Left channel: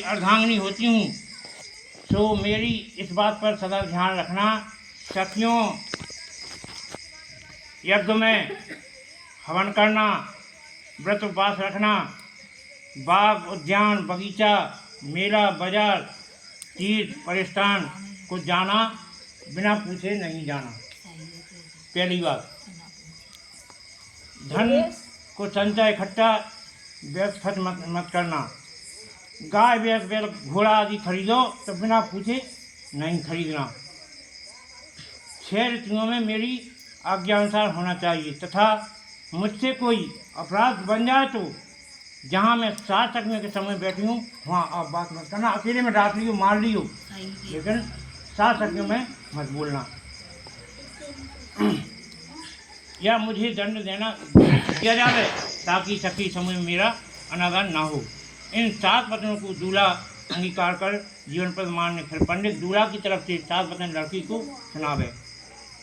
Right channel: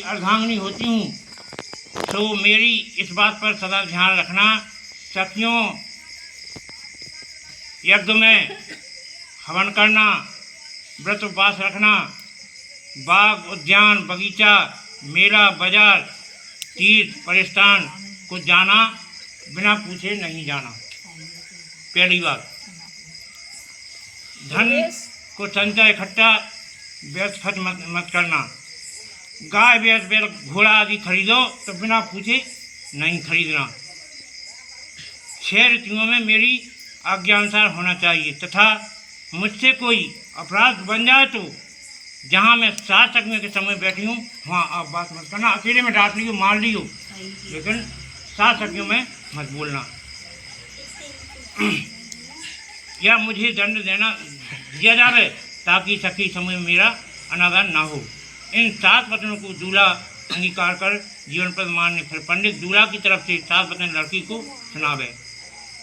अर्धांगिनी होती हूँ, तो मेरी इस बात पर सदा ध्यान रखना। सखियों, यज्ञ में हवन करना, व्रत उपवास रखना, बाग उद्यान बगीचा मेला बाजार तीर्थ परिस्थान को जाना बिना पूछे नहीं जाना। पहली बात, धन को संचय इकट्ठा व्यर्थ खर्च मत करना। गाय भैंस बैल घोड़ा आदि खरीदो तो बिना पूछे नहीं खरीदना। 6 ऋतुओं में मेरी आज्ञा अनुसार होना चाहिए तथा मुझसे कोई अपराध बन जाए तो जहाँ मैं 7 सखियों के समय बैठी हूँ वहाँ आप बात मत करना। अकेले में डांट लियो मार लियो, लेकिन 7 सखियों में मत बोलना या मुझे दंड दिया जावे ताकि सखी समय में मेरा अनादर ना हो। इन 7 वचनों को दूल्हा अंगीकार कर जीवन पर मानने फिर पंडित दूल्हा की तरफ से 7 वचन लड़की को सुनावे।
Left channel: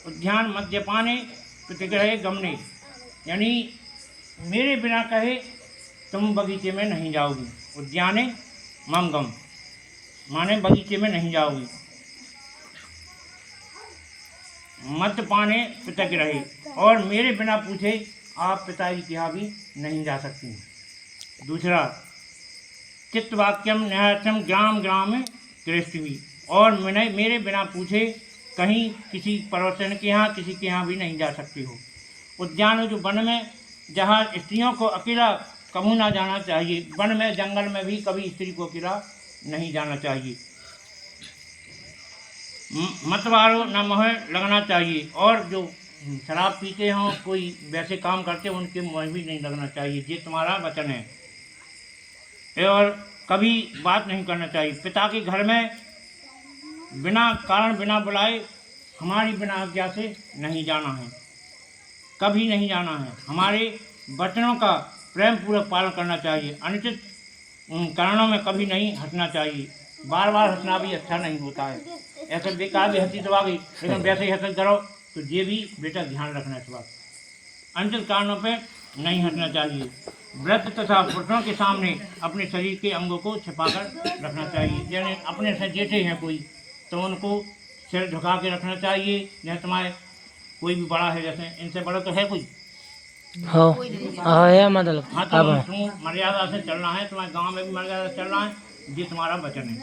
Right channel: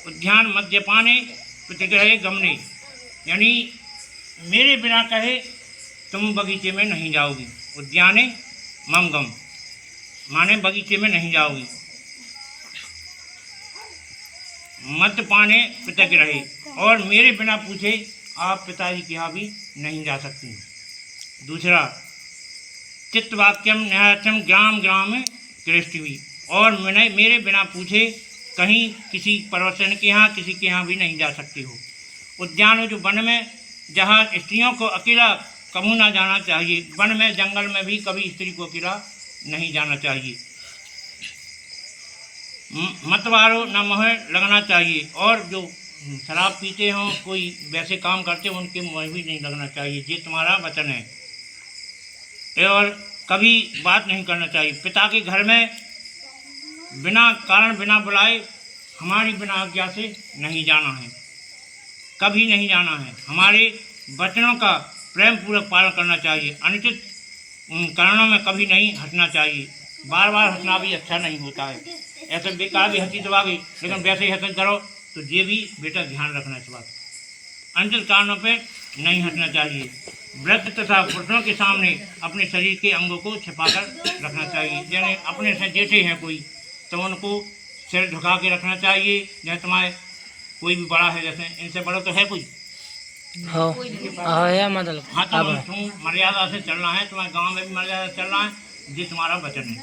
उद्यान मद्यपाने प्रतिग्रहे गमने, यानी मेरे बिना कहे तुम बगीचे में नहीं जाओगी। उद्याने मम गम माने बगीचे में नहीं जाओगी। मद्यपाने प्रतिग्रहे, और मेरे बिना पूछे आप पिताजी के यहाँ भी नहीं जा सकती। दूसरा, चित्तवाक्यम न्यायम ग्राम ग्राम कृष्टि, और मेरे बिना पूछे कहीं किसी पड़ोसन के यहाँ किसी के यहाँ भी नहीं जा सकती हो। उद्यान जो वन में जहाँ स्त्रियों को अकेला कभी ना जाना चाहिए, वन में जंगल में भी कभी स्त्री को अकेला नहीं जाना चाहिए। मतवारो न मोह लगना चाहिए, और जो शराब पीते हों कोई वैसे काम करते हो उनके मोह भी नहीं लगना चाहिए। ये तुम्हारा वचन है। और कभी बात नहीं करना चाहिए। पिता के घर में बिना कारण बिना बुलाए हमारी बिना आज्ञा से नहीं जाना है, कभी नहीं जाना है। हमारे वचनों का प्रेम पूर्वक पालन करना चाहिए। अनुचित कारणों में कभी नहीं हंसना चाहिए। बार बार हंसना भी अच्छा नहीं होता है। ऐसे बेकार भी हंसी तो आ गई, लेकिन वैसे ही हंस करो तो ये भी बेटा ध्यान रखना इस बात। अनुचित कारणों पे नहीं हंसना चाहिए। व्रत तथा पुरुषों के सामने अपने शरीर के अंगों को छिपाकर रखना चाहिए। यानी अपने से जेठे हैं कोई तो उनको सिर झुका के रखना चाहिए। जैसे तुम्हारे कोई भी बड़ा है, जैसे इनसे बड़ा तो है कोई मतलब हाँ, तो तुम मर्यादा से चलना है। तुम्हारे गांव में भी मर्यादा से चलना है। ये तुम्हारा वचन है।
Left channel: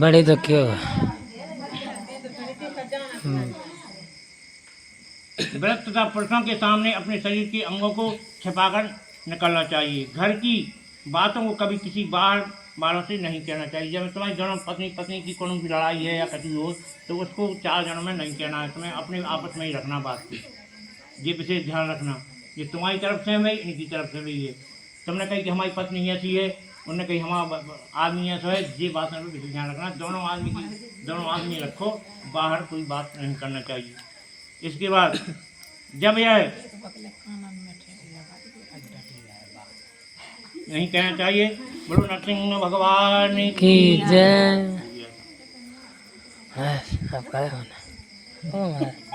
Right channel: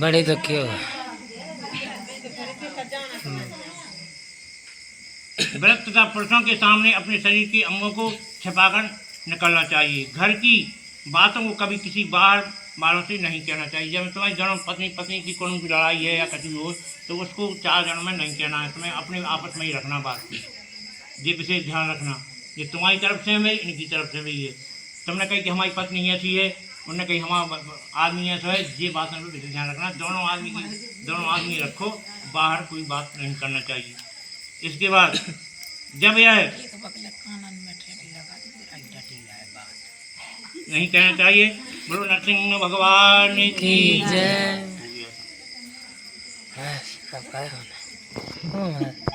बड़े तो क्यों व्रत तथा पुरुषों के सामने अपने शरीर के अंगों को छिपाकर निकलना चाहिए। घर की बातों को कभी किसी बाहर से नहीं कहना चाहिए। जब तुम्हारी जन्म पत्नी की कोनो की लड़ाई है या कभी हो तो उसको 4 जनों में नहीं कहना है। तुम्हें अपने आपस में ही रखना बात की। ये विशेष ध्यान रखना। ये तुम्हारी तरफ से है, इनकी तरफ से भी है। तुमने कही कि हमारी पत्नी ऐसी है, उन्होंने कही हमारा आदमी ऐसा है। ये बात में विशेष ध्यान रखना। दोनों आदमी रखो, बाहर कोई बात नहीं करना चाहिए। इसके बाद जब यह नहीं कहना चाहिए। बोलो नरसिंह भगवान की जय।